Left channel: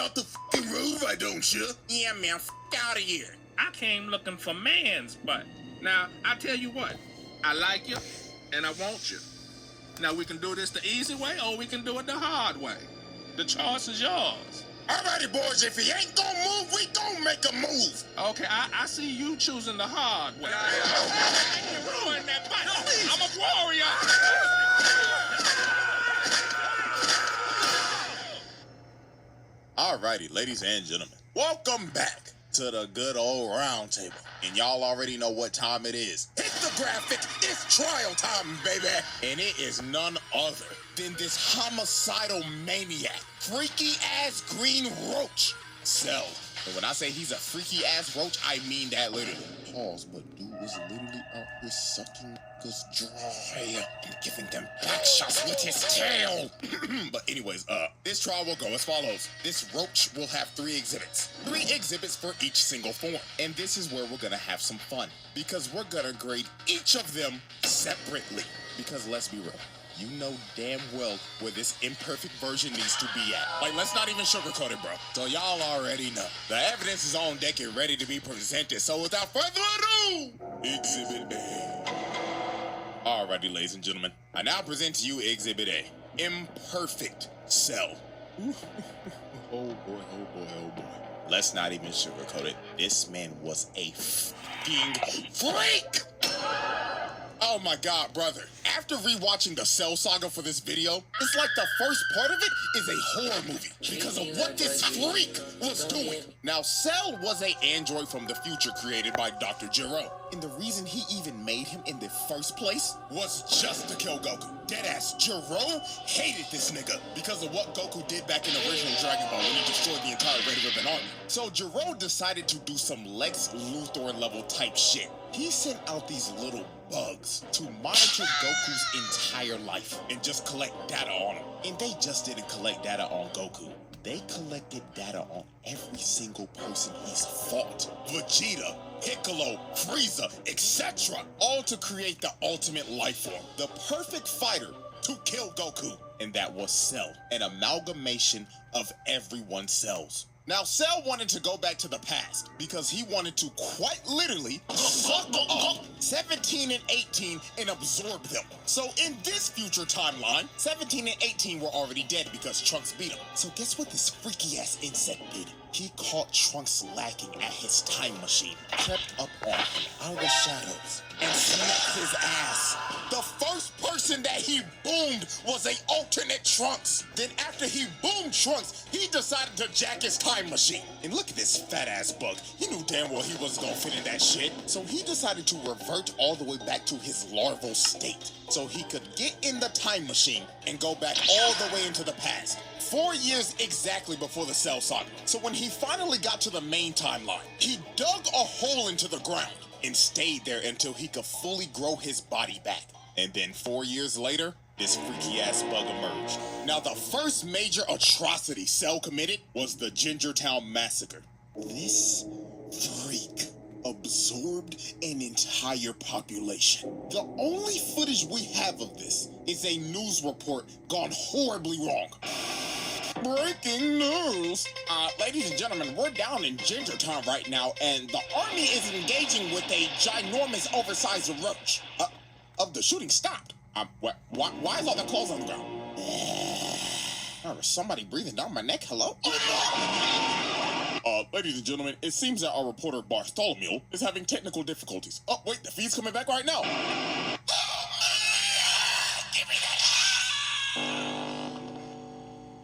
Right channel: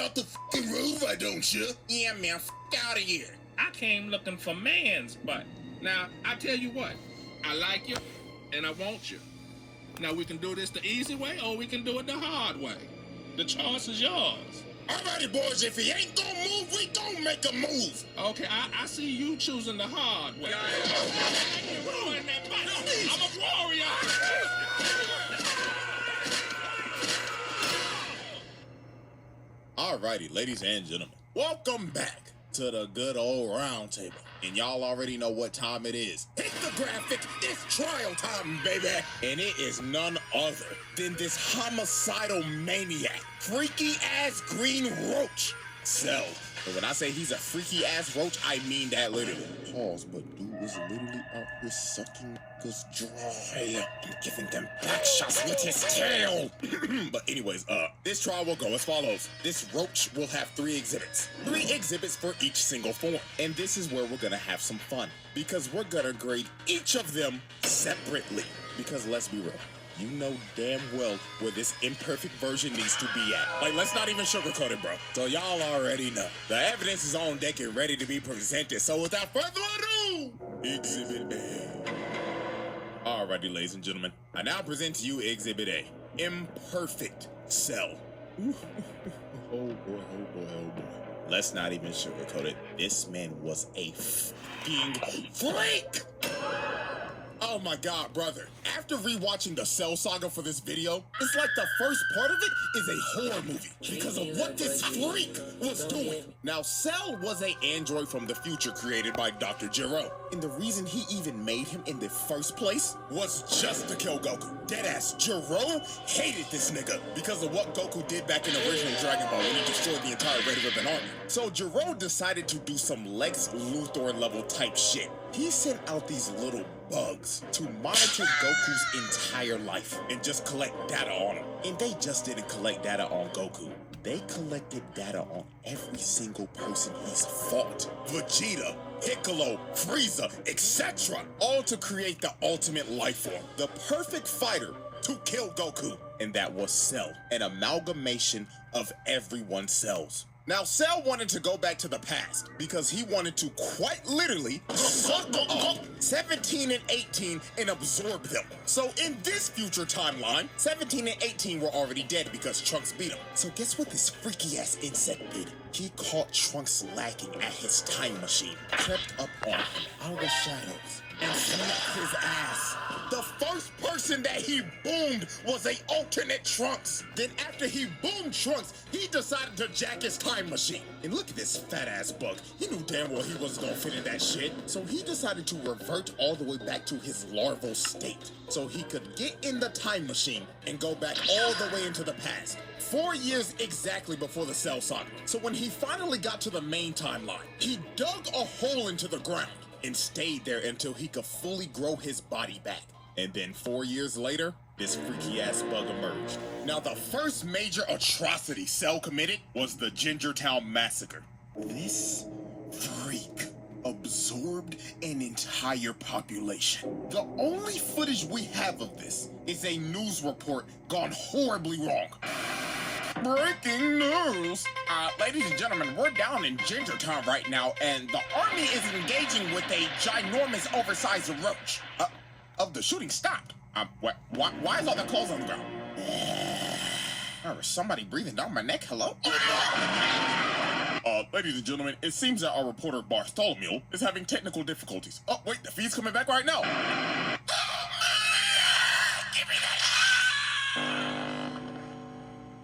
off the fucking roof, why don't you? Yeah, man, out of here. I came looking for man's butt. Now, I tell you what, I like you, and I want you. Now, we can do this the easy way, or we can do it the hard way. The choice is yours. Alrighty, boys, if he ain't gonna move, we gonna make a move. Okay, I see you choosing the hard way. Ruin that butt. I'm a warrior. Alrighty, ladies and gentlemen, welcome back to the good old round table. And y'all already know what time it is. Hit the graphic, it's trial time, baby. And it is none other than this homicidal maniac, freaky ass green roach, Cell. But when I say he's a freaky ass roach, I mean that literally. Pause, but dude was literally out here sucking niggas dry and giving them back shots with his tail. But anyways, this trial will go as follows. This roach will have 3 exhibits. 3 exhibits for each single form. And this is where we're gonna have some fun, because we're gonna grade each of them separately. Because let's be real, you know damn well where this imperfect version needs to be at. Like, let's not even sugarcoat it, bro. So y'all already know. The evidence is on deck and ready to be presented. So without further ado, Exhibit A. Alrighty, ladies and gentlemen. I now present to you Exhibit A. Imperfect Cell. Oh boy, oh boy, oh boy. Let's not even sugarcoat it. This man was a fucking freak! Oh my god, brother. After rewatching the Cell saga for this video, it's like the first part of it is a horror movie because of what this freak was doing. Now, Cell was an android from the future created by Dr. Gero. And the reason he even made him in the first place was just to kill Goku. Deadass, Gero hated this nigga because of what Goku did back in the original Dragon Ball when he destroyed the entire Red Ribbon Army. So Gero decided to do some Lex Luthor level type shit. He sent out these little bugs to monitor Goku's entire life and just collect data on him. And they just didn't collect data on Goku. They collected data on every single person he's fought. Vegeta, Piccolo, Frieza, etc. All to create the ultimate life form. The perfect fighter to kill Goku. And that was Cell, an amalgamation of everyone's cells. Now, Cell wanted to go back to the past because he wanted to quite literally suck up 17 and 18 and absorb them. So in this future timeline, 17 and 18 were already dead because Trunks beat them. So guess what this freaky ass insect did? He caught Trunks lacking at his time machine, crept up on him out of the shadows, and snapped his ass. The first person that he boomed was an alternate Trunks. Then after he boomed Trunks, he decided to jack his time machine. And look at this fat ass bug. He knew damn well he wasn't gonna fit in that shit. So he decided to revert all the way back to his larval state so he could get in the time machine and go back all the way into the past. 4 years exactly before the Cell saga. So when he finally got to the main timeline, he dug a hole into the ground and stayed there until he could fully grow his body back. And then 4 years later, this freaky ass bug emerged. Now, the first major atrocity Cell committed was the Gingertown Massacre. This freak absorbed an entire population. The only footage we have of this is a news report gone horribly wrong. Breaking news! Ladies and gentlemen, we're down in Gingertown right now, and the army is engaging with a ginormous, oversized roach. The shooting stopped. Why is all the clothes on the ground? Is somebody breathing down my neck? Hello? Ladies and gentlemen, it seems that our reporter Bartholomew is having technical difficulties. Oh, wait, the feed's coming back right now.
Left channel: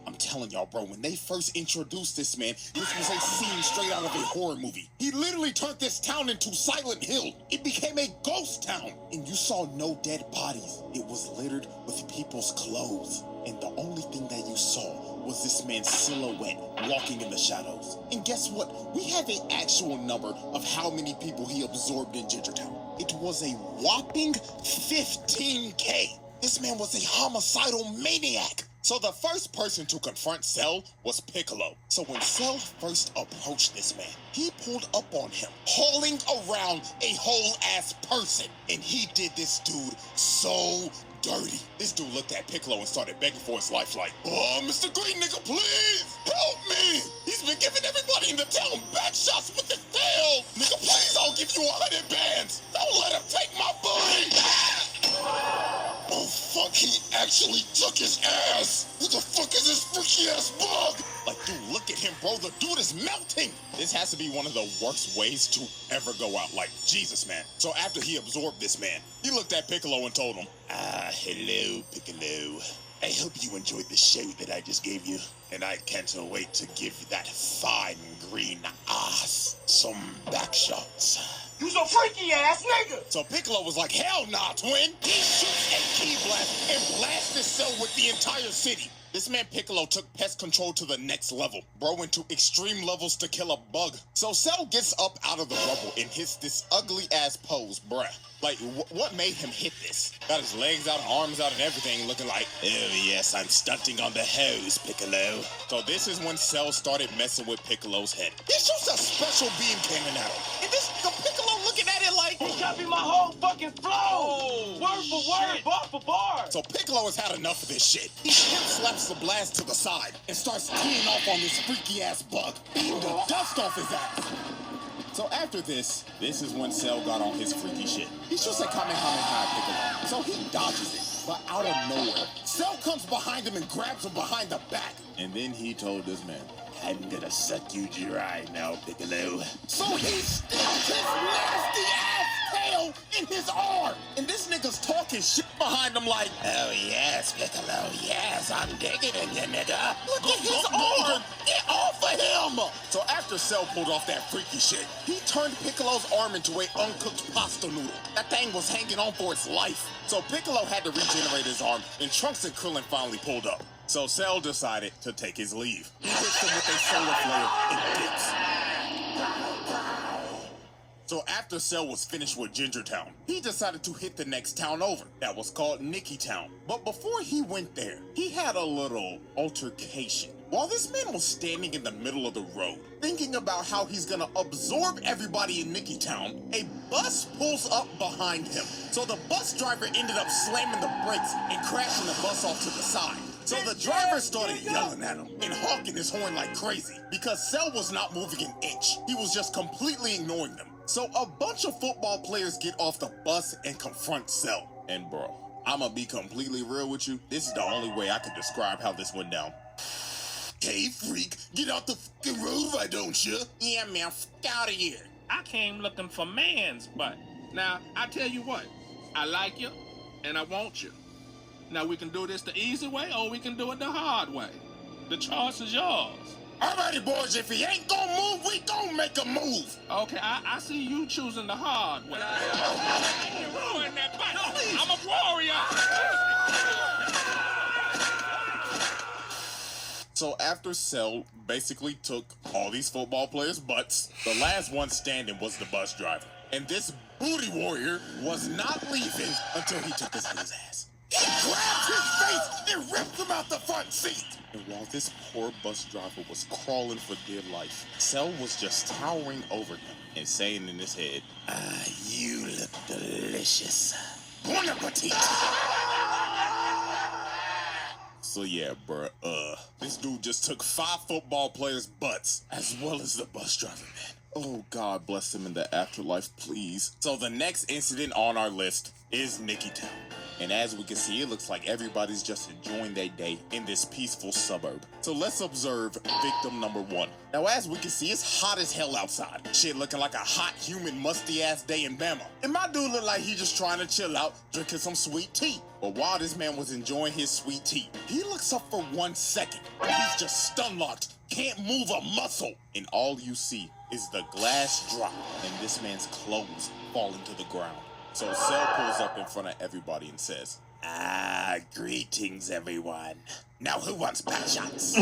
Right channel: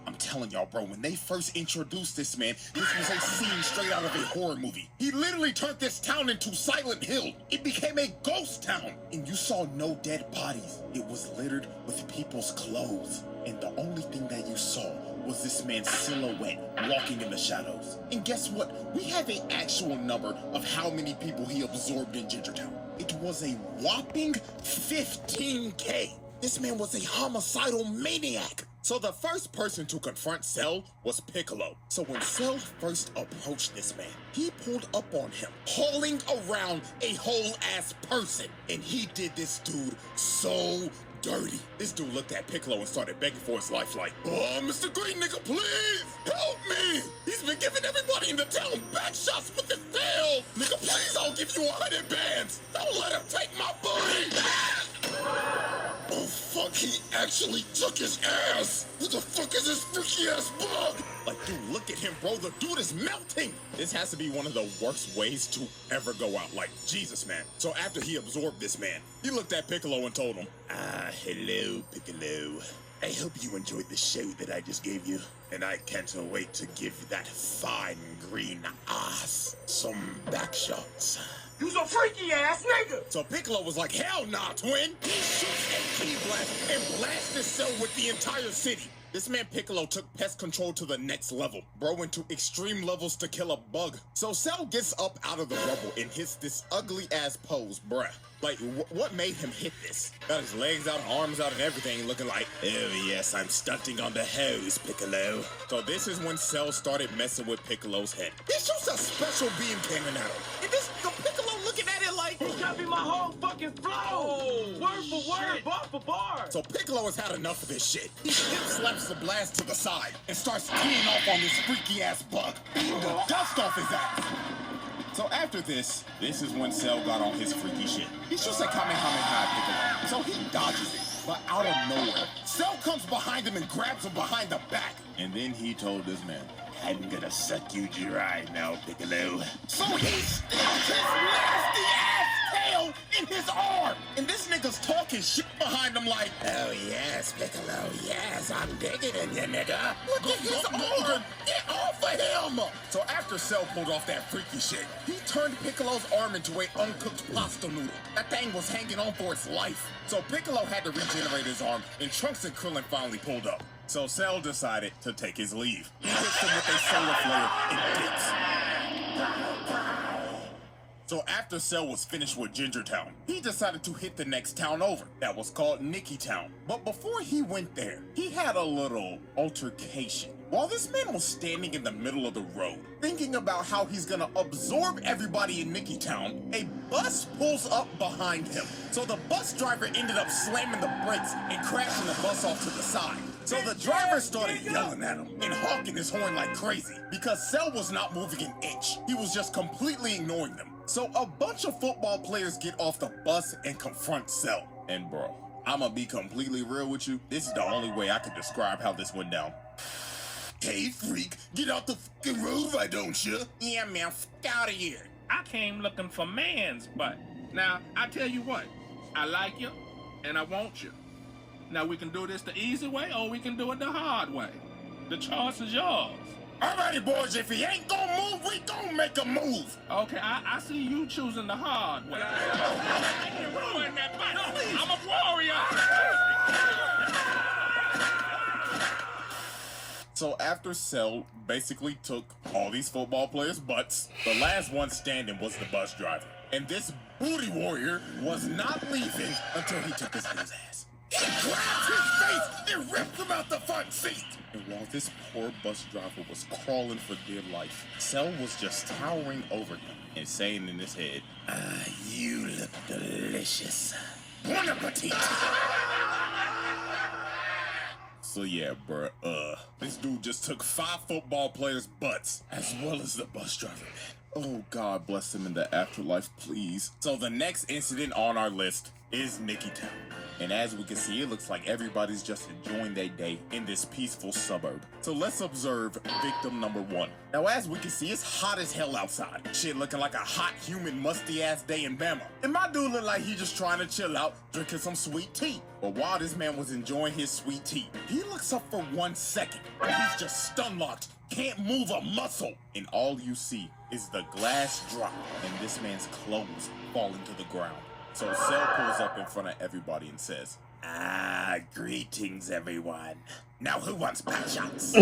I'm telling y'all, bro, when they first introduced this man, this was a scene straight out of a horror movie. He literally turned this town into Silent Hill. It became a ghost town. And you saw no dead bodies. It was littered with people's clothes. And the only thing that you saw was this man's silhouette walking in the shadows. And guess what? We have an actual number of how many people he absorbed in Gingertown. It was a whopping 15K. This man was a homicidal maniac. So the first person to confront Cell was Piccolo. So when Cell first approached this man, he pulled up on him, hauling around a whole-ass person. And he did this dude so dirty. This dude looked at Piccolo and started begging for his life like, "Oh, Mr. Green Nigga, please help me. He's been giving everybody in the town back shots with his tail. Nigga, please, I'll give you 100 bands. Don't let him take my booty. Oh, fuck, he actually took his ass. Who the fuck is this freaky ass bug? Like, dude, look at him, bro. The dude is melting. This has to be one of the worst ways to ever go out. Like, Jesus, man. So after he absorbed this man, he looked at Piccolo and told him, hello, Piccolo. I hope you enjoyed the show that I just gave you. And I can't wait to give that fine green ass some back shots. You some freaky ass nigga! So Piccolo was like, hell nah, twin! He shoots a key blast and blasts his cell with the entire city. This man Piccolo took pest control to the next level. Bro went to extreme levels to kill a bug. So Cell gets up out of the rubble and hits this ugly ass pose, bruh. Like, what made him hit this? Got his legs out, arms out, and everything, looking like, oh yes, I'm stunting on the hose, Piccolo. So this is when Cell started messing with Piccolo's head. He shoots a special beam cannon at him. And this, the Piccolo looking at it like, He copied my whole fucking flow! Oh, word for word, bar for bar! so Piccolo has had enough of this shit. He hip slaps the blast to the side and starts teeing off on this freaky ass bug, beating the dust off his ass. So after this is when Cell got on his freaky shit. He shoots a Kamehameha Piccolo, so he dodges it. But out of nowhere, Cell comes behind him and grabs him behind the back. And then he told this man, I'm gonna suck you dry now, Piccolo. So he sticks his nasty ass tail in his arm. And this nigga's talking shit behind him like, oh yes, Piccolo, yes, I'm digging in you, nigga. Look at his arm. Get off of him. So after Cell pulled off that freaky shit, he turned Piccolo's arm into a uncooked pasta noodle. That thing was hanging on for its life. So Piccolo had to regenerate his arm, and Trunks and Krillin finally pulled up. So Cell decided to take his leave. He hits him with a solar flare and dips. So after Cell was finished with Ginger Town, he decided to hit the next town over. That was called Nikki Town. But before he went there, he had a little altercation. While this man was standing in the middle of the road, thinking about how he's gonna absorb everybody in Nikki Town, a bus pulls up behind him. So the bus driver ended up slamming the brakes and crashing the bus off to the side. So the driver started yelling at him and honking his horn like crazy because Cell was not moving an inch. He was just completely ignoring them. So a bunch of football players get off the bus and confront Cell. And bro, I'ma be completely real with you. This is the only way I can describe how this went down. Hey, freak, get out the fucking road, why don't you? yeah, man, out of here. I came looking for man's butt. Now, I tell you what, I like you, and I want you. Now, we can do this the easy way, or we can do it the hard way. The choice is yours. Alrighty, boys, if he ain't gonna move, we gonna make a move. Okay, I see you choosing the hard way. I'm a warrior. So after Cell basically took all these football players' butts, the last one standing was the bus driver. And this booty warrior was not leaving until he took his ass. He grabbed his face and ripped him out the front seat. And while this poor bus driver was crawling for dear life, Cell was just towering over him and saying in his head, you look delicious. Bon appetit. So yeah, bruh, this dude just took 5 football players' butts, as well as the bus driver. Oh, God bless him in the afterlife, please. So the next incident on our list is Nikki Town. And as we can see, it looks like everybody's just enjoying their day in this peaceful suburb. So let's observe victim number 1. Now, as we can see, it's hot as hell outside. Shit looking like a hot, humid, musty-ass day in Bama. And my dude looked like he just trying to chill out, drinking some sweet tea. But while this man was enjoying his sweet tea, he looks up for 1 second, and he's just stun-locked, can't move a muscle. And all you see is the glass drop, and this man's clothes falling to the ground. So Cell pulls up in front of everybody and says, greetings, everyone. Now who wants back shots?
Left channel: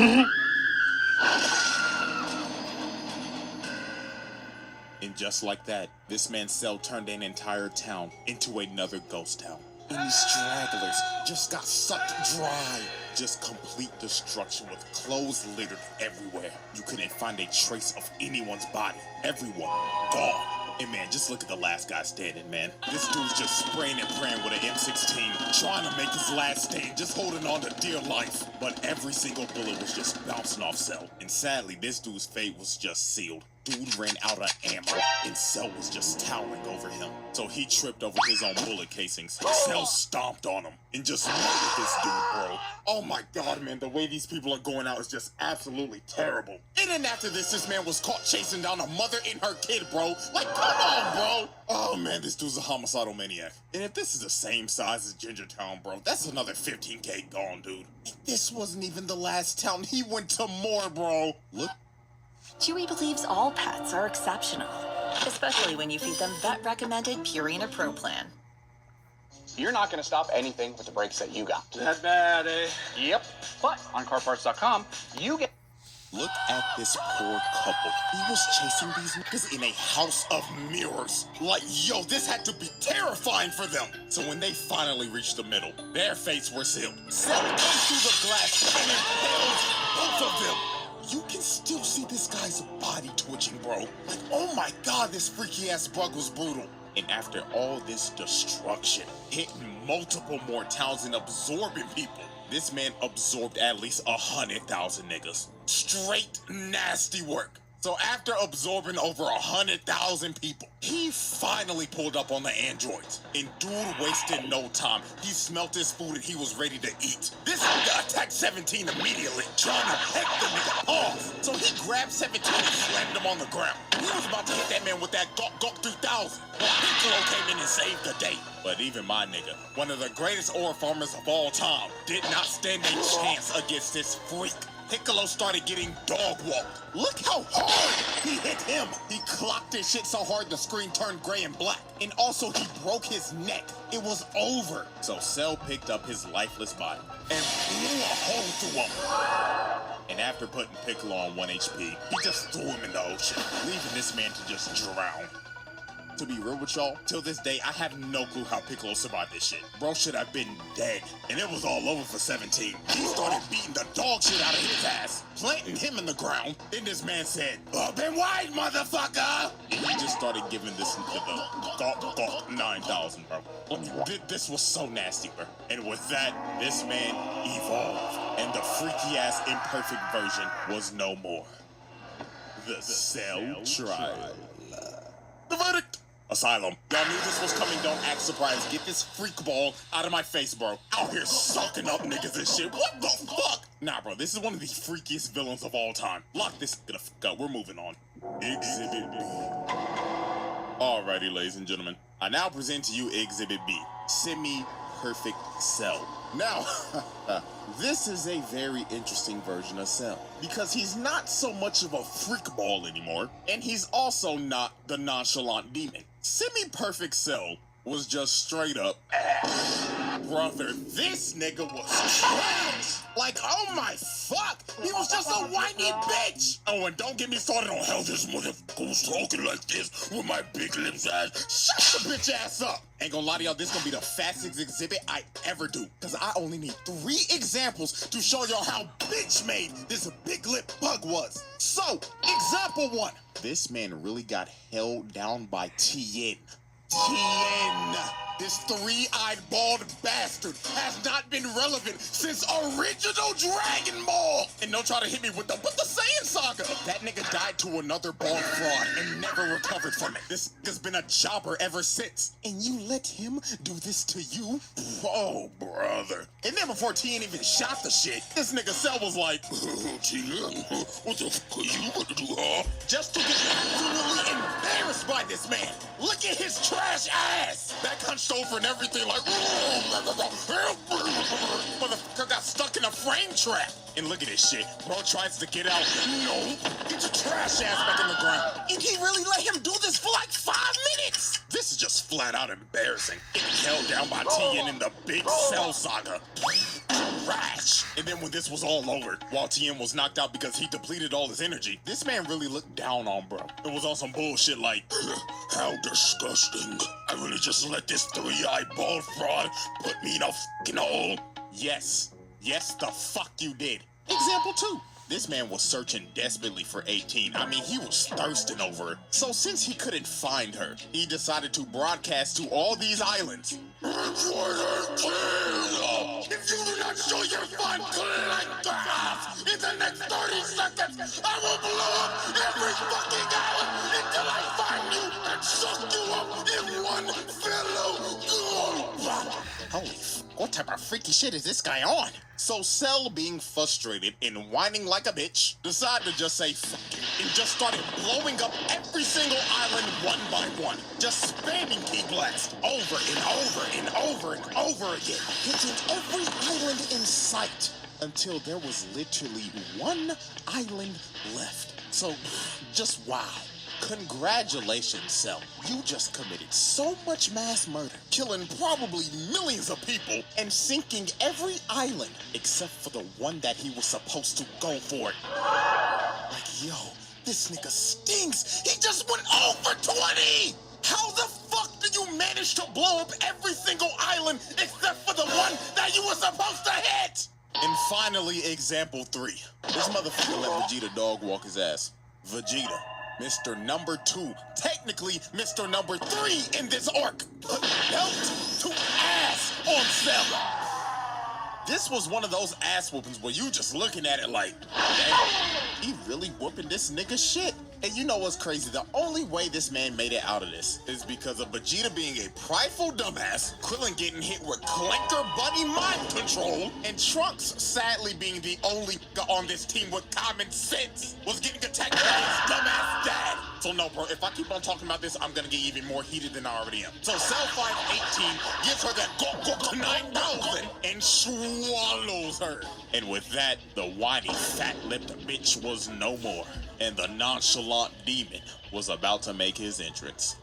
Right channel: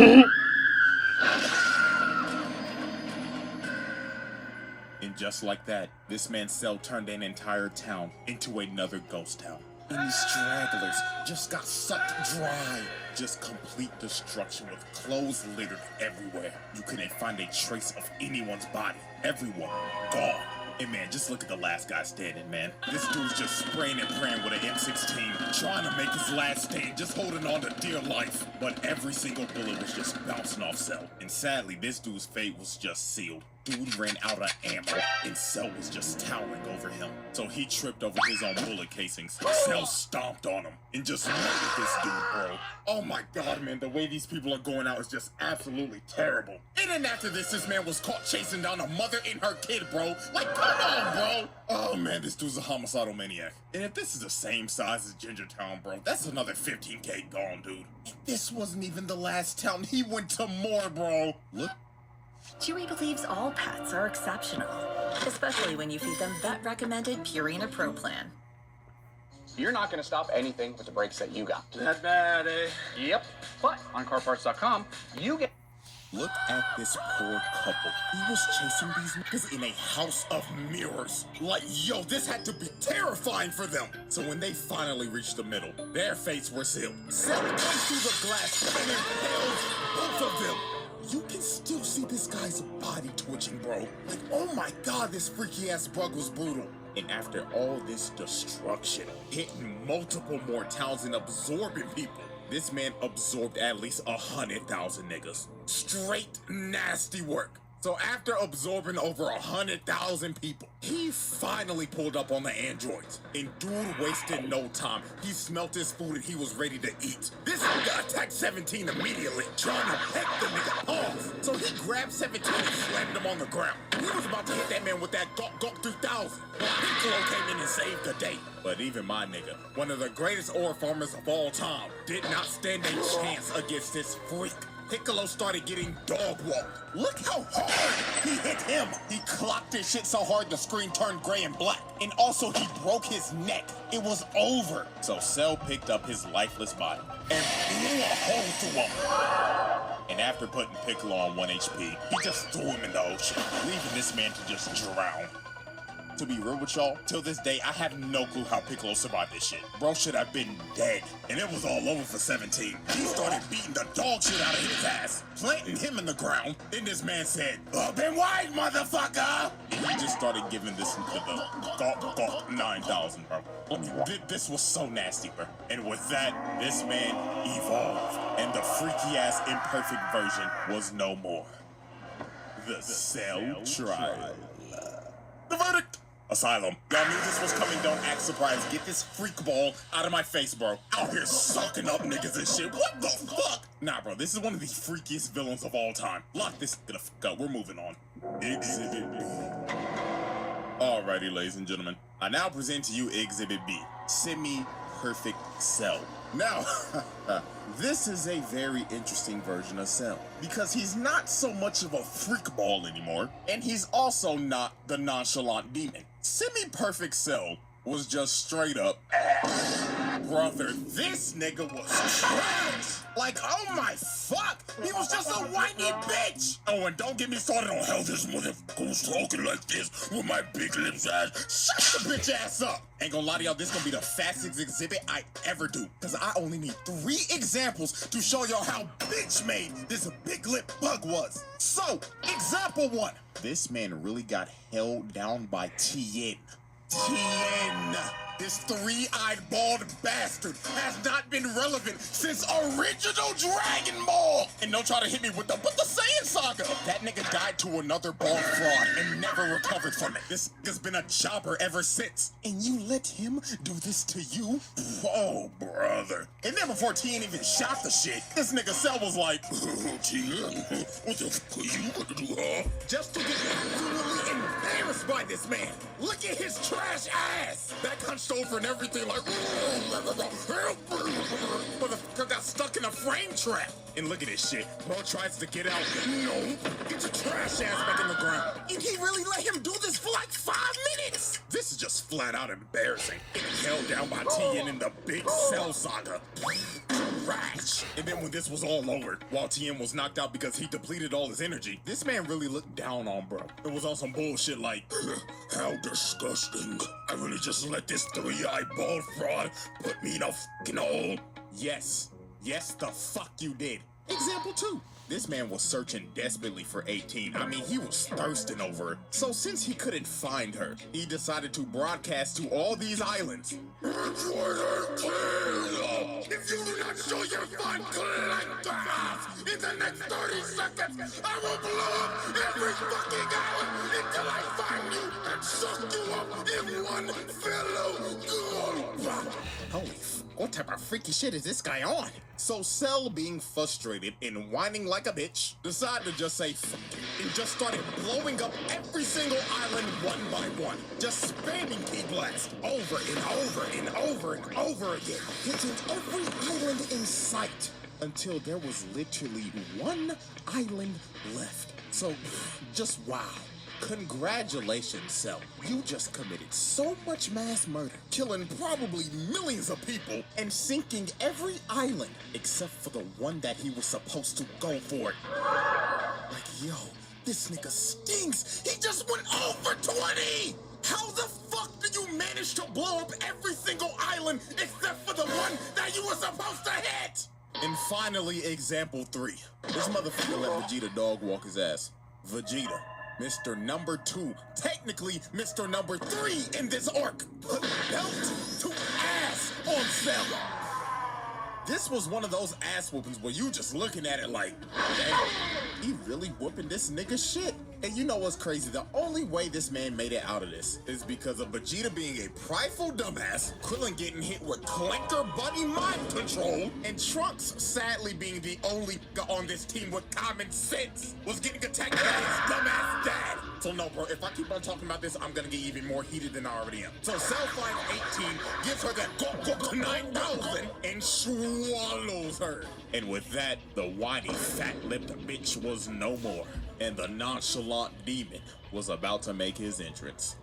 And just like that, this man's Cell turned an entire town into another ghost town. And these stragglers just got sucked dry. Just complete destruction with clothes littered everywhere. You couldn't find a trace of anyone's body. Everyone gone. Hey man, just look at the last guy standing, man. This dude's just spraying and praying with an M16, trying to make his last stand, just holding on to dear life. But every single bullet was just bouncing off Cell. And sadly, this dude's fate was just sealed. Dude ran out of ammo, and Cell was just towering over him. So he tripped over his own bullet casings. Cell stomped on him and just murdered this dude, bro. Oh my god, man, the way these people are going out is just absolutely terrible. And then after this man was caught chasing down a mother and her kid, bro. Like, come on, bro. Oh man, this dude's a homicidal maniac. And if this is the same size as Ginger Town, bro, that's another 15K gone, dude. And this wasn't even the last town. He went to more, bro. Look. Chewy believes all pets are exceptional, especially when you feed them vet-recommended Purina Pro Plan. You're not going to stop anything with the brakes that you got. That bad, eh? Yep. But on carparts.com, you get... Look at this poor couple. He was chasing these niggas in a house of mirrors. Like, yo, this had to be terrifying for them. So when they finally reached the middle, their fates were sealed. Sun comes through the glass and impales both of them. You can still see this guy's body twitching, bro. Like, oh my god, this freaky-ass bug was brutal. And after all this destruction, hitting multiple more towns and absorbing people, this man absorbed at least 100,000 niggas. Straight nasty work. So after absorbing over 100,000 people, he finally pulled up on the androids. And dude wasted no time. He smelt his food and he was ready to eat. This nigga attacked 17 immediately, trying to peck the nigga off. So he grabbed 17 and slammed him on the ground. He was about to hit that man with that Gok 3000. But Piccolo came in and saved the day. But even my nigga, one of the greatest ore farmers of all time, did not stand a chance against this freak. Piccolo started getting dog walked. Look how hard he hit him. He clocked his shit so hard the screen turned gray and black. And also he broke his neck. It was over. So Cell picked up his lifeless body and blew a hole through him. And after putting Piccolo on 1 HP, he just threw him in the ocean, leaving this man to just drown. To be real with y'all, till this day, I have no clue how Piccolo survived this shit. Bro should have been dead. And it was all over for 17. He started beating the dog shit out of his ass, planting him in the ground. Then this man said, "Open wide, motherfucker!" And he just started giving this nigga the Gok 9000, bro. This was so nasty, bro. And with that, this man evolved. And the freaky-ass imperfect version was no more. The Cell Trial. The verdict! Asylum. Y'all knew this was coming, don't act surprised. Get this freak ball out of my face, bro. Out here sucking up niggas and shit. What the fuck? Nah, bro, this is one of the freakiest villains of all time. Lock this the fuck up. We're moving on. Exhibit B. Alrighty, ladies and gentlemen. I now present to you Exhibit B. Semi-perfect Cell. Now, this is a very interesting version of Cell, because he's not so much of a freak ball anymore, and he's also not the nonchalant demon. Semi-perfect Cell was just straight up, brother, this nigga was trash. Like, oh my fuck, he was just a whiny bitch. Oh, and don't get me started on how this motherfucker was talking like this with my big lips ass. Shut the bitch ass up. Ain't gonna lie to y'all, this gonna be the fastest exhibit I ever do, because I only need 3 examples to show y'all how bitch made this big lip bug was. So, example 1. This man really got held down by Tien. Tien, this 3-eyed bald bastard, has not been relevant since original Dragon Ball. And don't try to hit me with the Saiyan Saga. That nigga died to another bald fraud and never recovered from it. This nigga's been a jobber ever since. And you let him do this to you? Oh, brother. And then before Tien even shot the shit, this nigga Cell was like, Tien, what the fuck are you gonna do, huh? Just to get absolutely embarrassed by this man. Look at his trash ass. That hunched over and everything like, motherfucker got stuck in a frame trap. And look at this shit. Bro tries to get out. No, get your trash ass back in the ground. And he really let him do this for like 5 minutes. This is just flat out embarrassing. Getting held down by Tien in the big Cell Saga. Trash. And then when this was all over, while Tien was knocked out because he depleted all his energy, this man really looked down on bro. It was on some bullshit like, how disgusting. I really just let this 3-eyed bald fraud put me in a fucking hole. Yes, the fuck you did. Example 2. This man was searching desperately for 18. I mean, he was thirsting over her. So since he couldn't find her, he decided to broadcast to all these islands. If you do not show your fun like grass in the next 30 seconds, I will blow up every fucking island until I find you and suck you up in one fellow go. Holy what type of freaky shit is this guy on? So Cell, being frustrated and whining like a bitch, decided to just say fuck it and just started blowing up every single island one by one. Just spamming key blast over and over and over and over again, hitting every island in sight until there was literally one island left. So just wow. Congratulations, Cell. You just committed so much mass murder, killing probably millions of people and sinking every island except for the one that he was supposed to go for. Like, yo, this nigga stinks. He just went over 20. How the fuck did you manage to blow up every single island except for the one that you were supposed to hit? And finally, example 3. This motherfucker let Vegeta dog walk his ass. Vegeta, Mr. Number 2, technically Mr. Number 3 in this arc, put belt to ass on Cell. This was one of those ass whoopings where you just looking at it like, damn, he really whooping this nigga shit. And you know what's crazy? The only way this man made it out of this is because of Vegeta being a prideful dumbass, Krillin getting hit with Clanker Bunny mind control, and Trunks sadly being the only on this team with common sense was getting attacked by his dumbass dad. So no, bro, if I keep on talking about this, I'm gonna get even more heated than I already am. So Cell finds 18, gives her that go 9,000, and swallows her. And with that, the whiny, fat-lipped bitch was no more. And the nonchalant demon was about to make his entrance.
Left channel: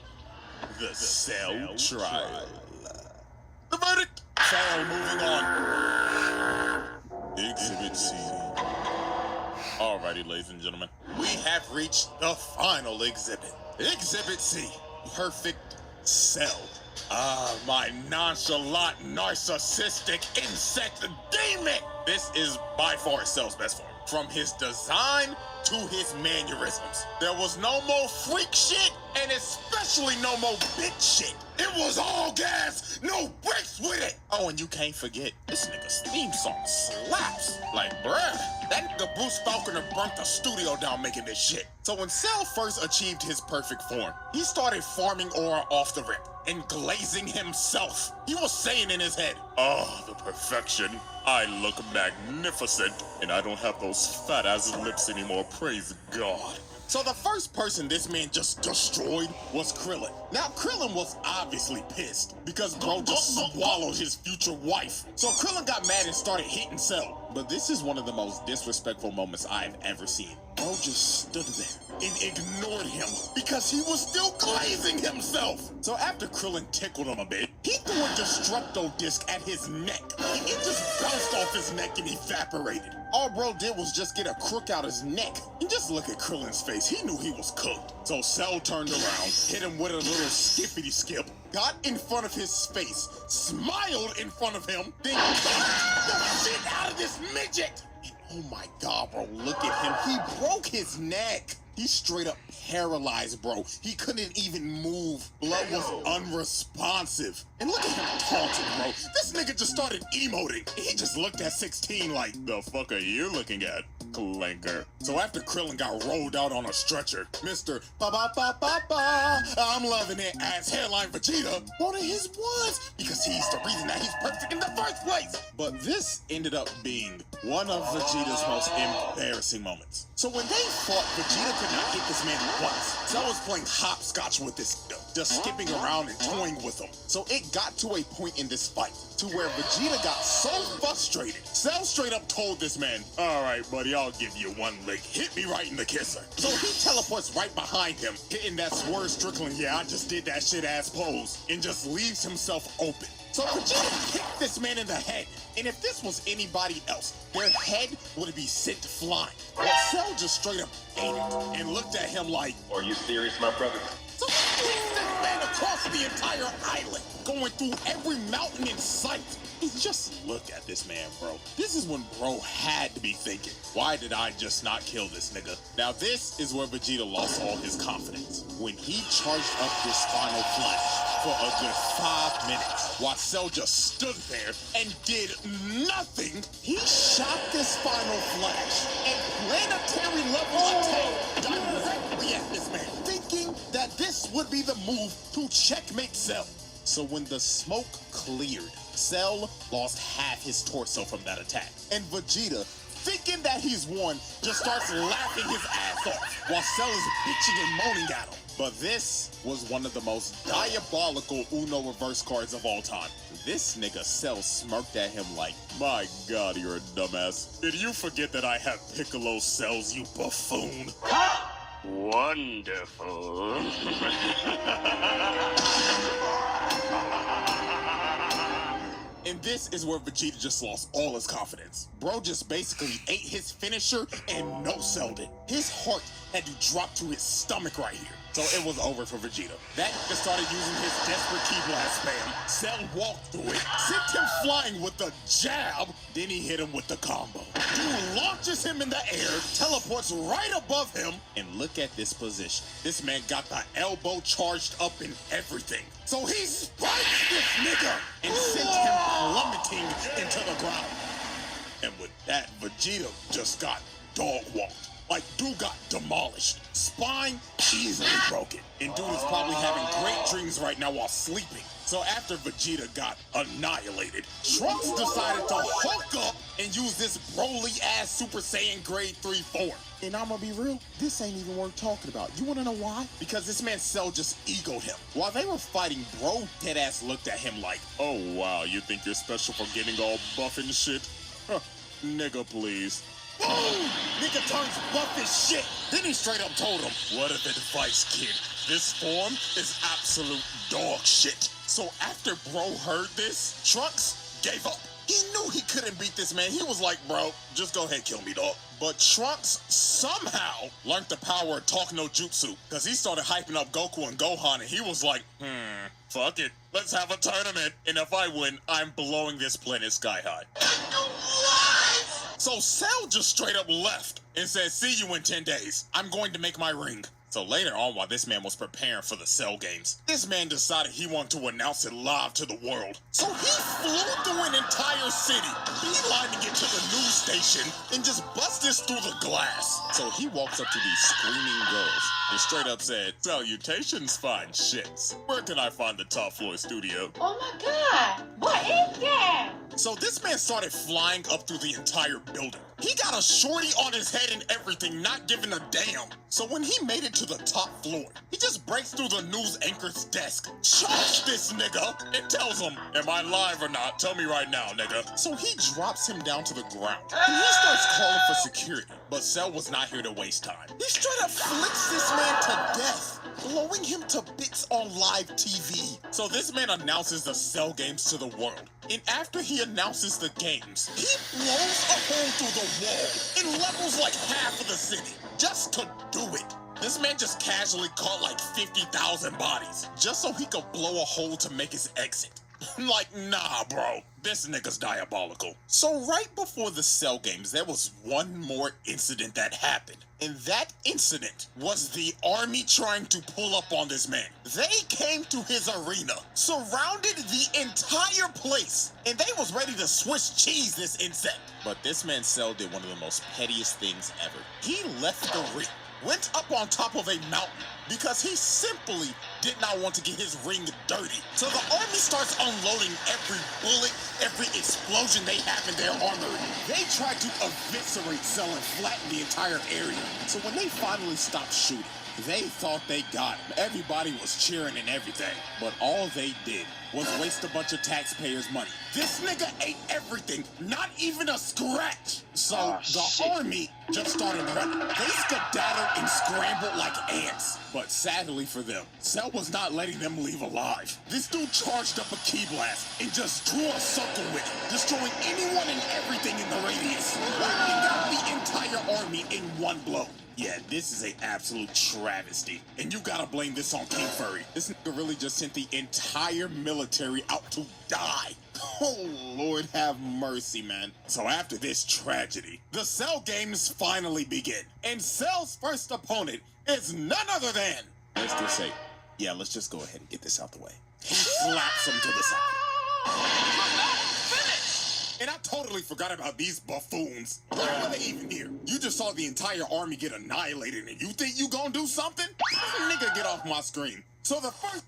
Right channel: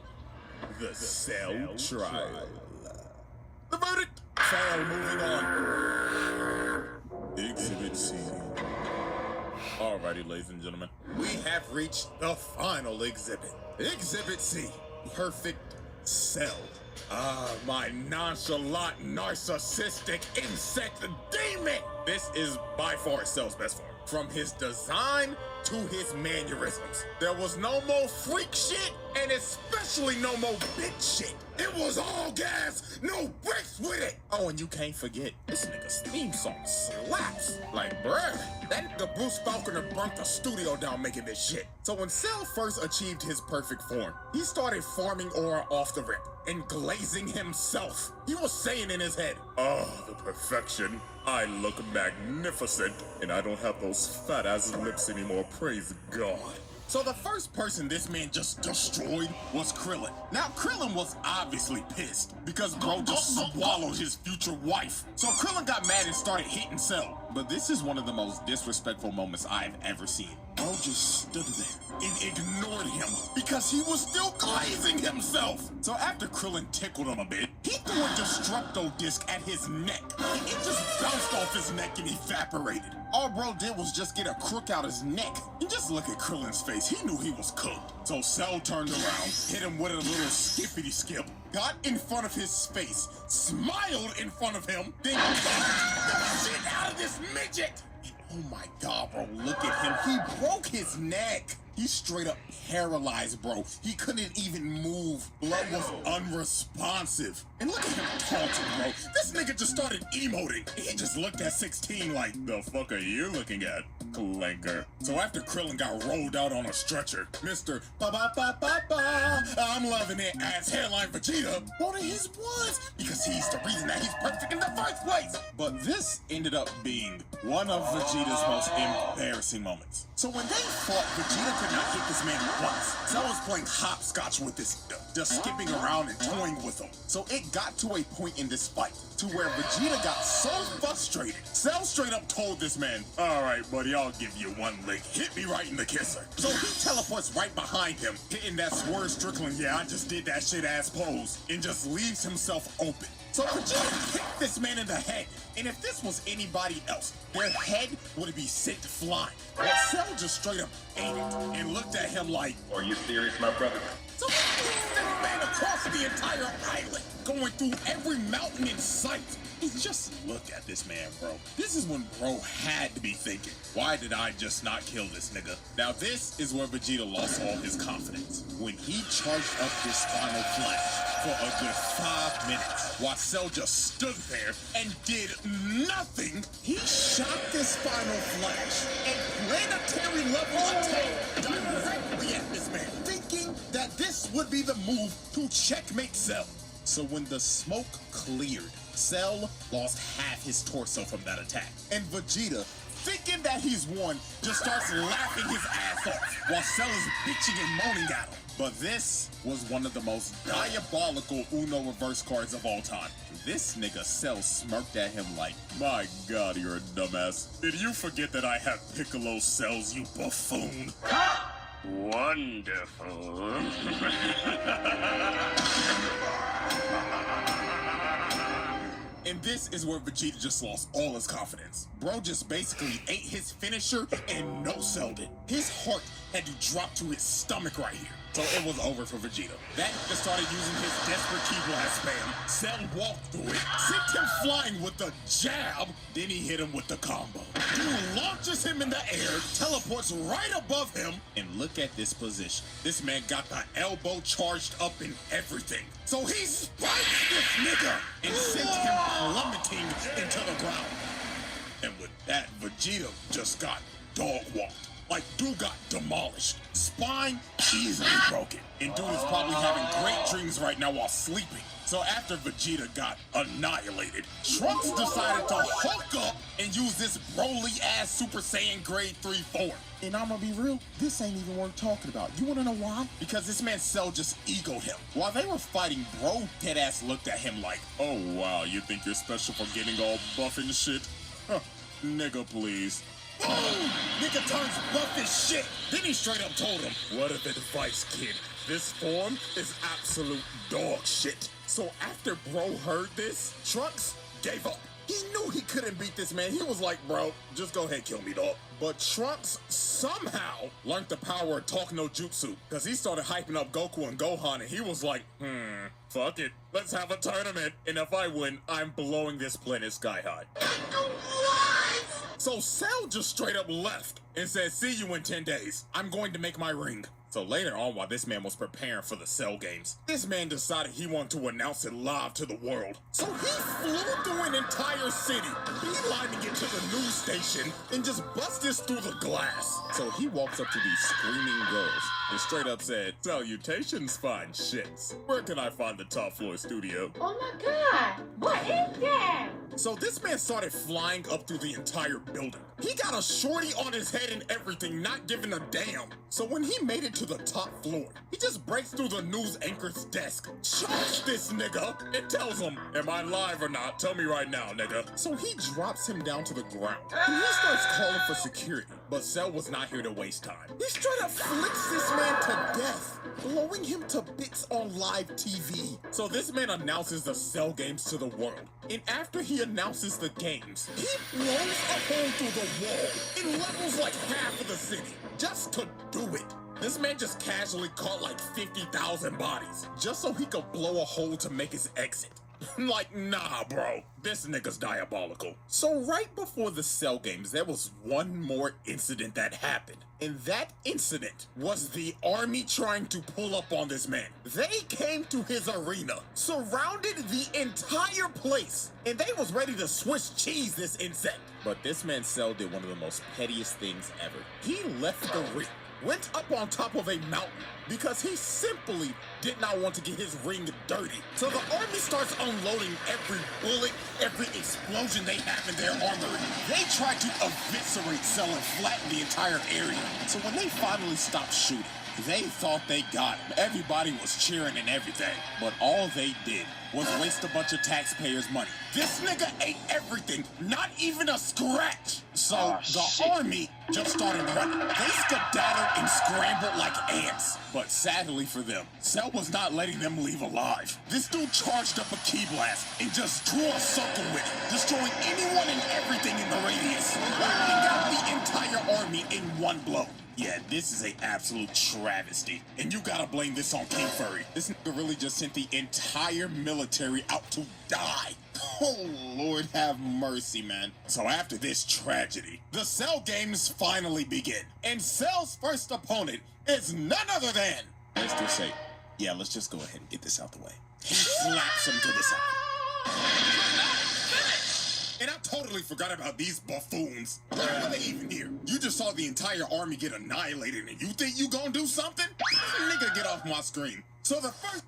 The Cell trial. The verdict! Cell moving on. Exhibit C. Alrighty, ladies and gentlemen, we have reached the final exhibit. Exhibit C. Perfect Cell. Ah, my nonchalant, narcissistic insect demon! This is by far Cell's best form. From his design to his mannerisms. There was no more freak shit, and especially no more bitch shit. It was all gas, no brakes with it. Oh, and you can't forget, this nigga's theme song slaps. Like, bruh, that nigga Bruce Falconer burnt the studio down making this shit. So when Cell first achieved his perfect form, he started farming aura off the rip and glazing himself. He was saying in his head, oh, the perfection. I look magnificent, and I don't have those fat-ass lips anymore, praise God. So the first person this man just destroyed was Krillin. Now, Krillin was obviously pissed because bro just swallowed his future wife. So Krillin got mad and started hitting Cell. But this is one of the most disrespectful moments I've ever seen. Bro just stood there and ignored him because he was still glazing himself. So after Krillin tickled him a bit, he threw a Destructo disc at his neck. It just bounced off his neck and evaporated. All bro did was just get a crook out his neck. And just look at Krillin's face. He knew he was cooked. So Cell turned around, hit him with a little skippity skip, got in front of his face, smiled in front of him, then kicked the shit out of this midget. And oh my God, bro, look at him. He broke his neck. He's straight up paralyzed, bro. He couldn't even move. Blood was unresponsive. And look at him taunting, bro. This nigga just started emoting. He just looked at 16 like, the fuck are you looking at, Clanker? So after Krillin got rolled out on a stretcher, Mr. Ba-ba-ba-ba-ba, I'm loving it as headline Vegeta wanted his ones because he's the reason that he's perfect in the first place. But this ended up being one of Vegeta's most embarrassing moments. So when they fought, Vegeta could not hit this man once. Cell was playing hopscotch with this nigga, just skipping around and toying with him. So it got to a point in this fight to where Vegeta got so frustrated, Cell straight up told this man, all right, buddy, I'll give you one lick. Hit me right in the kisser. So he teleports right behind him, hitting that Swerve Strickland, yeah, I just did that shit ass pose, and just leaves himself open. So Vegeta kicked this man in the head, and if this was anybody else, their head would be sent flying. But Cell just straight up ate it and looked at him like, are you serious, my brother? So he kicked this man across the entire island, going through every mountain in sight. He just look at this man, bro. This is when bro had to be thinking, why did I just not kill this nigga? Now this is where Vegeta lost all his confidence. When he charged up this final flash for a good 5 minutes, while Cell just stood there and did nothing, he shot this final flash and planetary level attack directly at this man, thinking that this would be the move to checkmate Cell. So when the smoke cleared, Cell lost half his torso from that attack. And Vegeta, thinking that he's won, just starts laughing his ass off while Cell is bitching and moaning at him. But this was one of the most diabolical Uno reverse cards of all time. This nigga Cell smirked at him like, my god, you're a dumbass. Did you forget that I have Piccolo cells, you buffoon? Wonderful. And this is where Vegeta just lost all his confidence. Bro just basically ate his finisher and no-selled it. His heart had to drop to his stomach right here. So it was over for Vegeta. That nigga started using his desperate key blast spam. Cell walked through it, sent him flying with the jab, then he hit him with the combo. Dude launches him in the air, teleports right above him, and look at this position. This man got the elbow charged up and everything. So he spikes this nigga and sends him plummeting into the ground. And with that, Vegeta just got dog walked. Like, dude got demolished. Spine easily broken. And dude is probably having great dreams right now while sleeping. So after Vegeta got annihilated, Trunks decided to hulk up and use this Broly-ass Super Saiyan Grade 3 form. And I'm gonna be real, this ain't even worth talking about. You wanna know why? Because this man Cell just egoed him. While they were fighting, bro deadass looked at him like, oh wow, you think you're special for getting all buff and shit? Huh, nigga please. Boom! Nigga turns buff as shit. Then he straight up told him, what of advice, kid? This form is absolute dog shit. So after bro heard this, Trunks gave up. He knew he couldn't beat this man. He was like, bro, just go ahead, kill me, dog. But Trunks somehow learned the power of talk no jutsu, because he started hyping up Goku and Gohan, and he was like, fuck it. Let's have a tournament, and if I win, I'm blowing this planet sky high. So Cell just straight up left and said, see you in 10 days. I'm going to make my ring. So later on, while this man was preparing for the Cell games, this man decided he wanted to announce it live to the world. So he flew through an entire city, beelining it to the news station, and just busted through the glass. So he walks up to these screaming girls and straight up said, salutations, fine chicks. Where can I find the top floor studio? Oh my god, what is that? So this man started flying up through the entire building. He got a shorty on his head and everything, not giving a damn. So when he made it to the top floor, he just breaks through the news anchor's desk, chokes this nigga, and tells him, am I live or not? Tell me right now, nigga. So he drops him down to the ground, and he starts calling for security. But Cell was not here to waste time. He straight up flicks this man to death, blowing him to bits on live TV. So this man announces the Cell games to the world. And after he announces the games, he blows a hole through the wall and levels like half of the city just to do it. This man just casually caught like 50,000 bodies just so he could blow a hole to make his exit. Like, nah, bro. This nigga's diabolical. So right before the Cell games, there was one more incident that happened. And that incident was the army trying to pull up on this man. They came to his arena, surrounded the entire place, and they was ready to Swiss cheese this insect. But this man Cell did one of the most pettiest things ever. He left the ring, went up on top of a mountain, because he simply did not want to get his ring dirty. So the army starts unloading every bullet, every explosion they have in their armory. They tried to eviscerate Cell and flatten the entire area. So when they finally stopped shooting, they thought they got him. Everybody was cheering and everything. But all they did was waste a bunch of taxpayers' money. This nigga ate everything, not even a scratch. So the army just started running. They skedaddled and scrambled like ants. But sadly for them, Cell was not letting them leave alive. This dude charged up a key blast and just drew a circle with it, destroying anyone and everything in the radius, wiping out the entire army in one blow. Yeah, this is an absolute travesty. And you gotta blame this on King Furry. This nigga really just sent the entire military out to die. Oh, Lord have mercy, man. So after this tragedy, the Cell games finally begin. And Cell's first opponent is none other than... Let's just say, yeah, let's just go ahead and get this out the way. He slaps him to the side. And I totally forgot about these buffoons. Why are they even here? You just saw the entire army get annihilated and you think you gonna do something? Nigga, get off my screen. So the first...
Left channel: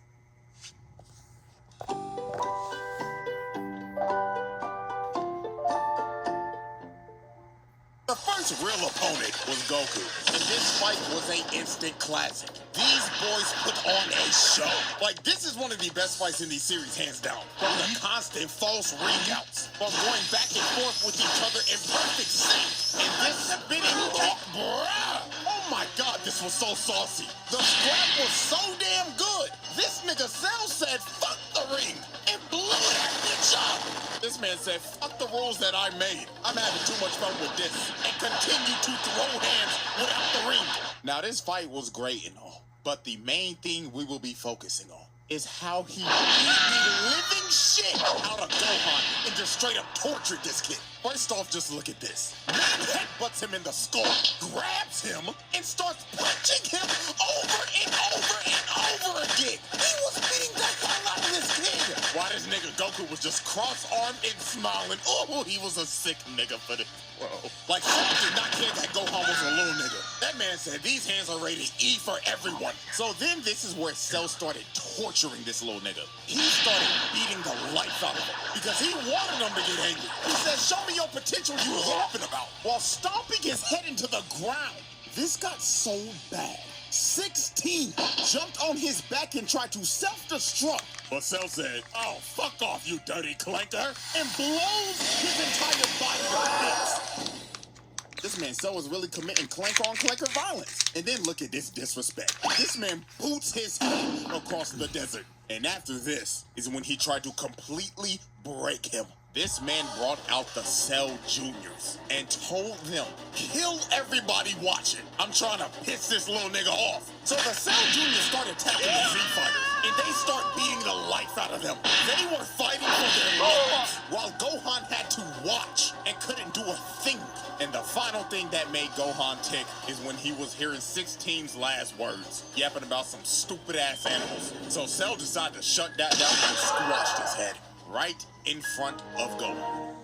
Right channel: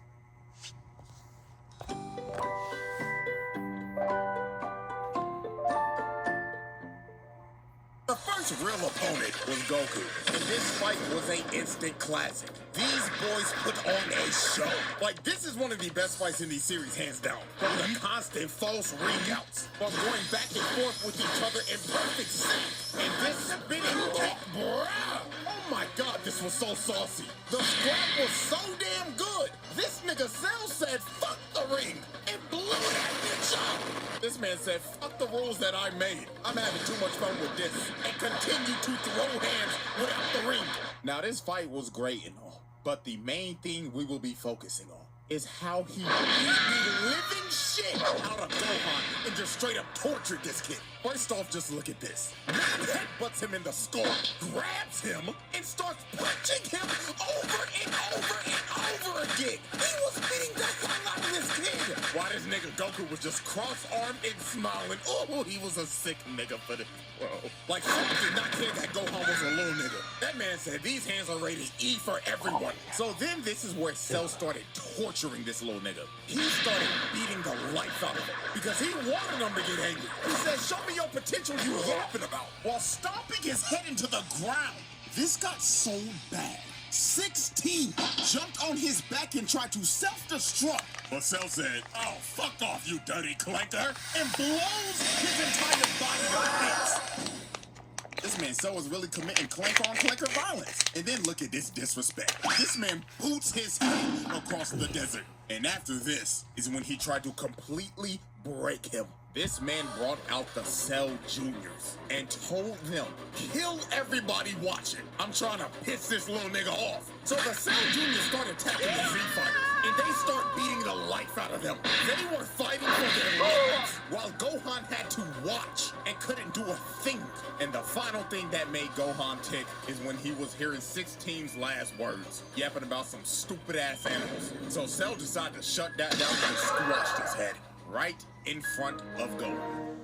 The first real opponent was Goku, and this fight was an instant classic. These boys put on a show. Like, this is one of the best fights in these series, hands down. From the constant false ring-outs, from going back and forth with each other in perfect sync, and this spinning kick, bruh! Oh my god, this was so saucy. The scrap was so damn good. This nigga Cell said, fuck the ring, and blew that bitch up. This man said, fuck the rules that I made. I'm having too much fun with this, and continue to throw hands without the ring. Now, this fight was great and all, but the main thing we will be focusing on is how he beat the living shit out of Gohan and just straight up tortured this kid. First off, just look at this. Man headbutts him in the skull, grabs him, and starts punching him over and over and over again. He was beating the hell out of this kid. While this nigga Goku was just cross-armed and smiling. Oh, he was a sick nigga for this world. Like, Cell did not care that Gohan was a little nigga. That man said these hands are rated E for everyone. So then this is where Cell started torturing this little nigga. He started beating the life out of him because he wanted him to get angry. He said, show me your potential you laughing about, while stomping his head into the ground. This got so bad. 16 jumped on his back and tried to self-destruct. But Cell said, oh, fuck off, you dirty clanker, and blows his entire body like this. This man Cell was really committing clanker-on-clanker violence. And then look at this disrespect. This man boots his head across the desert. And after this is when he tried to completely break him. This man brought out the Cell Juniors and told them, kill everybody watching. I'm trying to piss this little nigga off. So the Cell Juniors started attacking the Z Fighters, and they start beating the life out of them. They were fighting for their lives, while Gohan had to watch and couldn't do a thing. And the final thing that made Gohan tick is when he was hearing 16's last words, yapping about some stupid-ass animals. So Cell decided to shut that down and squashed his head right in front of Gohan.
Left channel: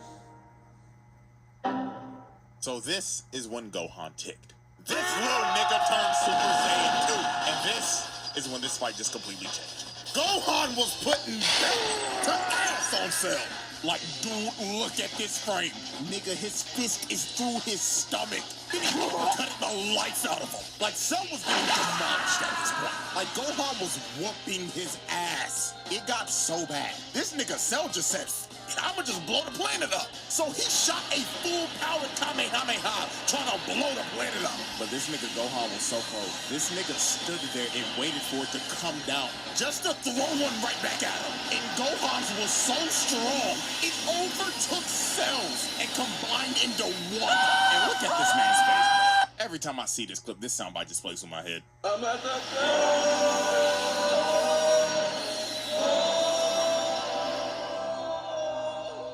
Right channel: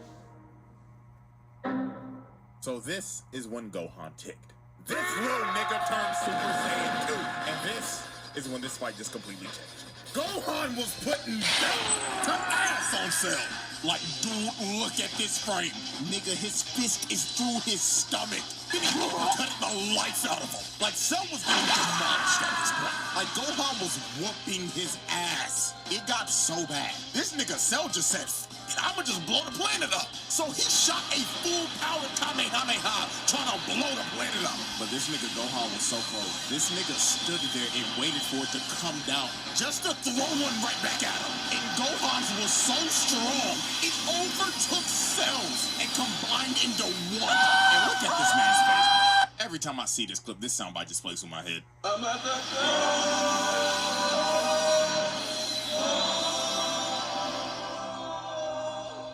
So this is when Gohan ticked. This little nigga turned Super Saiyan 2, and this is when this fight just completely changed. Gohan was putting back to ass on Cell. Like, dude, look at this frame. Nigga, his fist is through his stomach. Then he cut the life out of him. Like, Cell was getting demolished at this point. Like, Gohan was whooping his ass. It got so bad. This nigga Cell just said, I'ma just blow the planet up. So he shot a full-power Kamehameha trying to blow the planet up. But this nigga Gohan was so cold. This nigga stood there and waited for it to come down just to throw one right back at him. And Gohan's was so strong, it overtook Cell's and combined into one. And look at this man's face. Every time I see this clip, this soundbite just plays in my head.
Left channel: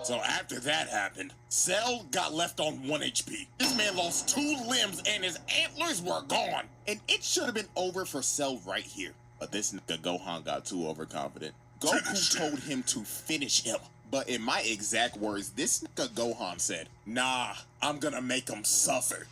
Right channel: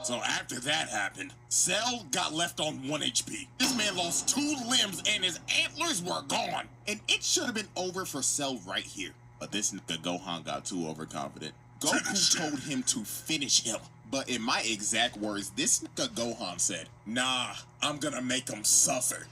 So after that happened, Cell got left on 1 HP. This man lost 2 limbs and his antlers were gone. And it should have been over for Cell right here. But this nigga Gohan got too overconfident. Goku told him to finish him. But in my exact words, this nigga Gohan said, nah, I'm gonna make him suffer.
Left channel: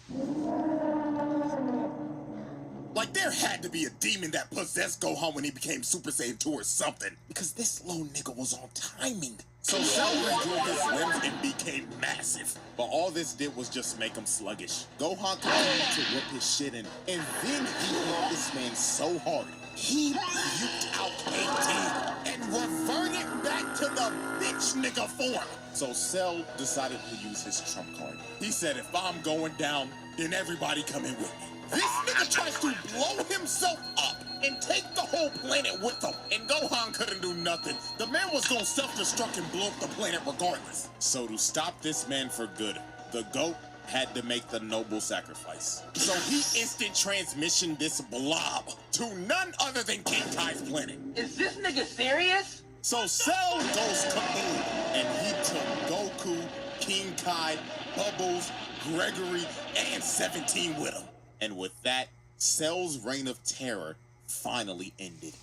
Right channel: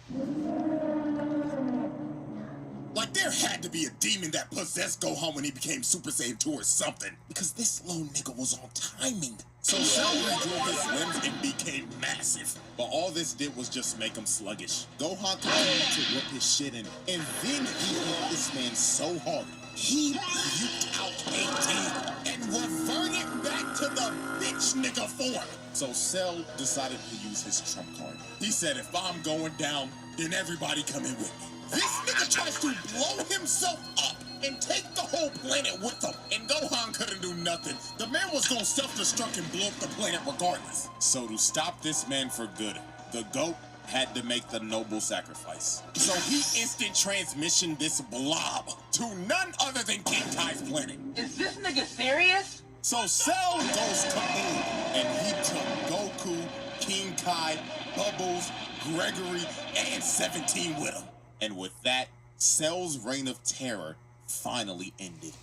Like, there had to be a demon that possessed Gohan when he became Super Saiyan 2 or something. Because this little nigga was on timing. So Cell regrew his limbs and became massive. But all this did was just make him sluggish. Gohan continued to whip his shit in. And then he hit this man so hard, he puked out 18 and reverted back to the bitch nigga form. So Cell decided to use his trump card. He said, if I'm going down, then everybody come in with me. This nigga tries to blow himself up and take the whole planet with him. And Gohan couldn't do nothing. The man was gonna self-destruct and blow up the planet regardless. So to stop this man for good, the GOAT had to make the noble sacrifice. So he instant transmission this blob to none other than King Tai's planet. Is this nigga serious? So Cell goes kaboom, and took Goku, King Kai, Bubbles, Gregory, and 17 with him. And with that, Cell's reign of terror finally ended.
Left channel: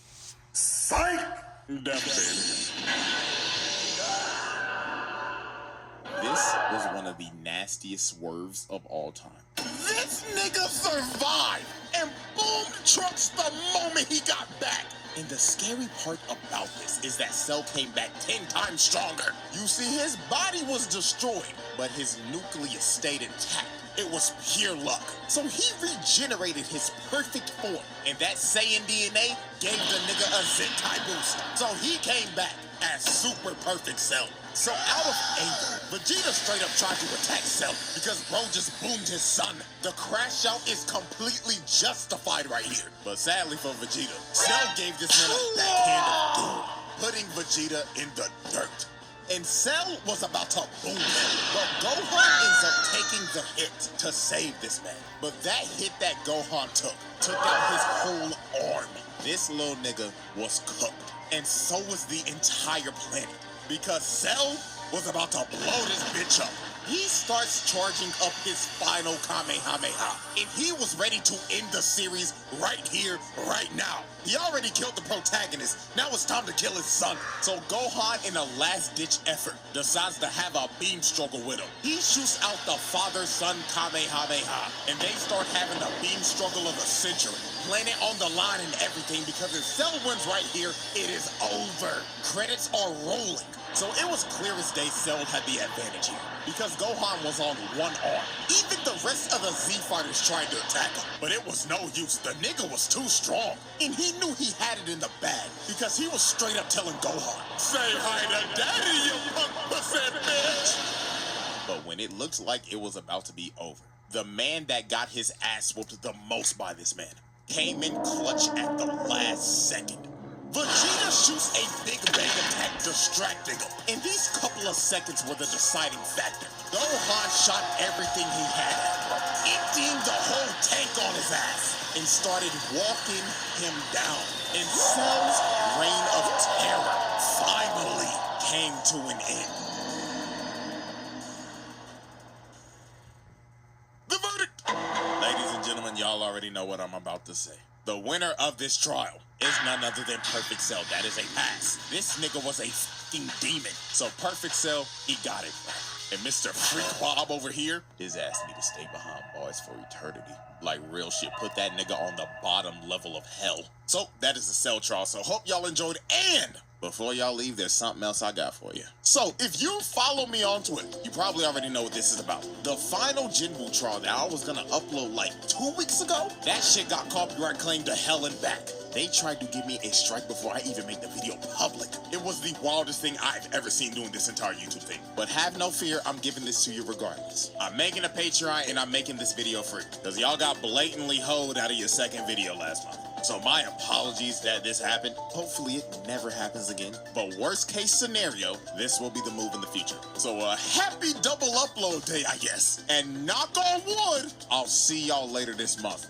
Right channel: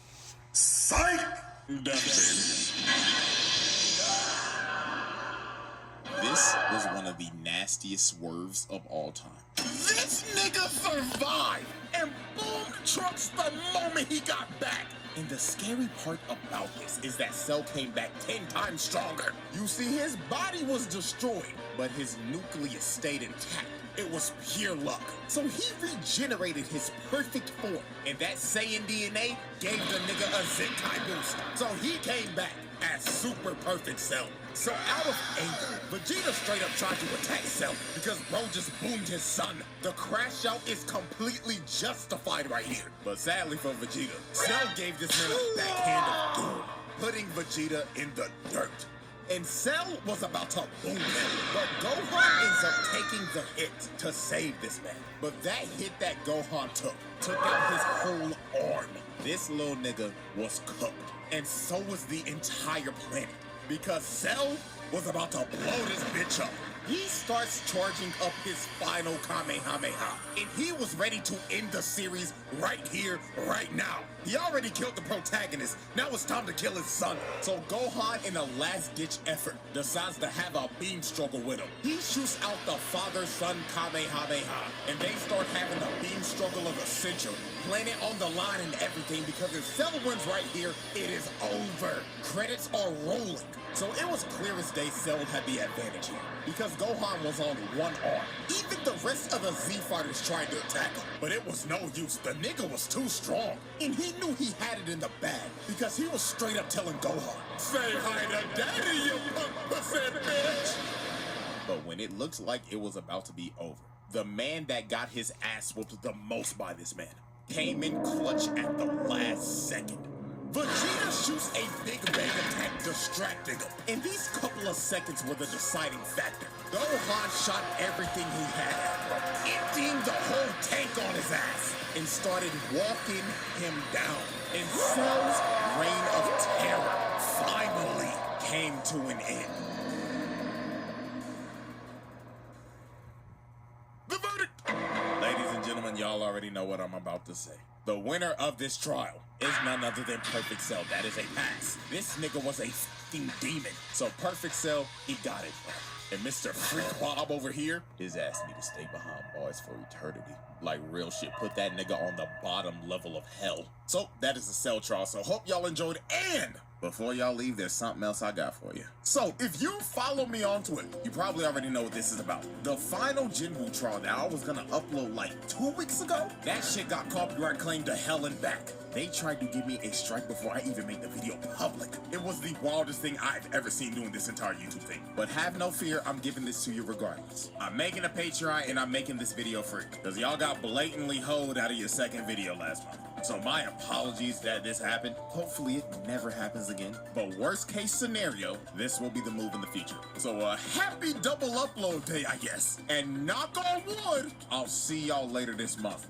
Psych! This was one of the nastiest swerves of all time. This nigga survived, and boom trucks the moment he got back. And the scary part about this is that Cell came back 10 times stronger. You see, his body was destroyed, but his nucleus stayed intact. It was pure luck. So he regenerated his perfect form, and that Saiyan DNA gave the nigga a Zenkai boost. So he came back as super perfect Cell. So out of anger, Vegeta straight up tried to attack Cell because bro just boomed his son. The crash out is completely justified right here. But sadly for Vegeta, Cell gave this man a backhand of doom, putting Vegeta in the dirt. And Cell was about to boom him, but Gohan ends up taking the hit to save this man. But that hit that Gohan took out his whole arm. This little nigga was cooked, and so was the entire planet, because Cell was about to blow this bitch up. He starts charging up his final Kamehameha, and he was ready to end the series right here, right now. He already killed the protagonist. Now it's time to kill his son. So Gohan, in a last-ditch effort, decides to have a beam struggle with him. He shoots out the father-son Kamehameha, and they start having a beam struggle of the century. Planet on the line and everything, because if Cell wins right here, it is over. Credits are rolling. So it was clear as day Cell had the advantage here, because Gohan was on one arm. Even the rest of the Z fighters tried to attack him, but it was no use. The nigga was too strong, and he knew he had it in the bag, because he was straight up telling Gohan, "Say hi to daddy, you punk percent bitch." But when it looked like it was about to be over, the man that got his ass whooped the most by this man came in clutch at the last second. Vegeta shoots a big bang attack, distracting him. And these couple of seconds were the deciding factor. Gohan shot everything he had at him, emptying the whole tank on his ass, and started walking him down. And Cell's reign of terror finally came to an end. The verdict! Ladies and gentlemen, y'all already know what I'm about to say. The winner of this trial is none other than Perfect Cell. That is a pass. This nigga was a f***ing demon. So Perfect Cell, he got it. And Mr. Freak Bob over here, his ass need to stay behind bars for eternity. Like real shit, put that nigga on the bottom level of hell. So that is the Cell trial. So hope y'all enjoyed, and before y'all leave, there's something else I got for you. So, if you follow me on Twitter, you probably already know what this is about. The final Jinwoo trial that I was gonna upload like 2 weeks ago, that shit got copyright claimed to hell and back. They tried to give me a strike before I even made the video public. It was the wildest thing I've ever seen doing this entire YouTube thing. But have no fear, I'm giving this to you regardless. I'm making a Patreon and I'm making this video free, because y'all got blatantly hoed out of your second video last month. So my apologies that this happened. Hopefully it never happens again. But worst case scenario, this will be the move in the future. So happy double upload day, I guess. And knock on wood, I'll see y'all later this month.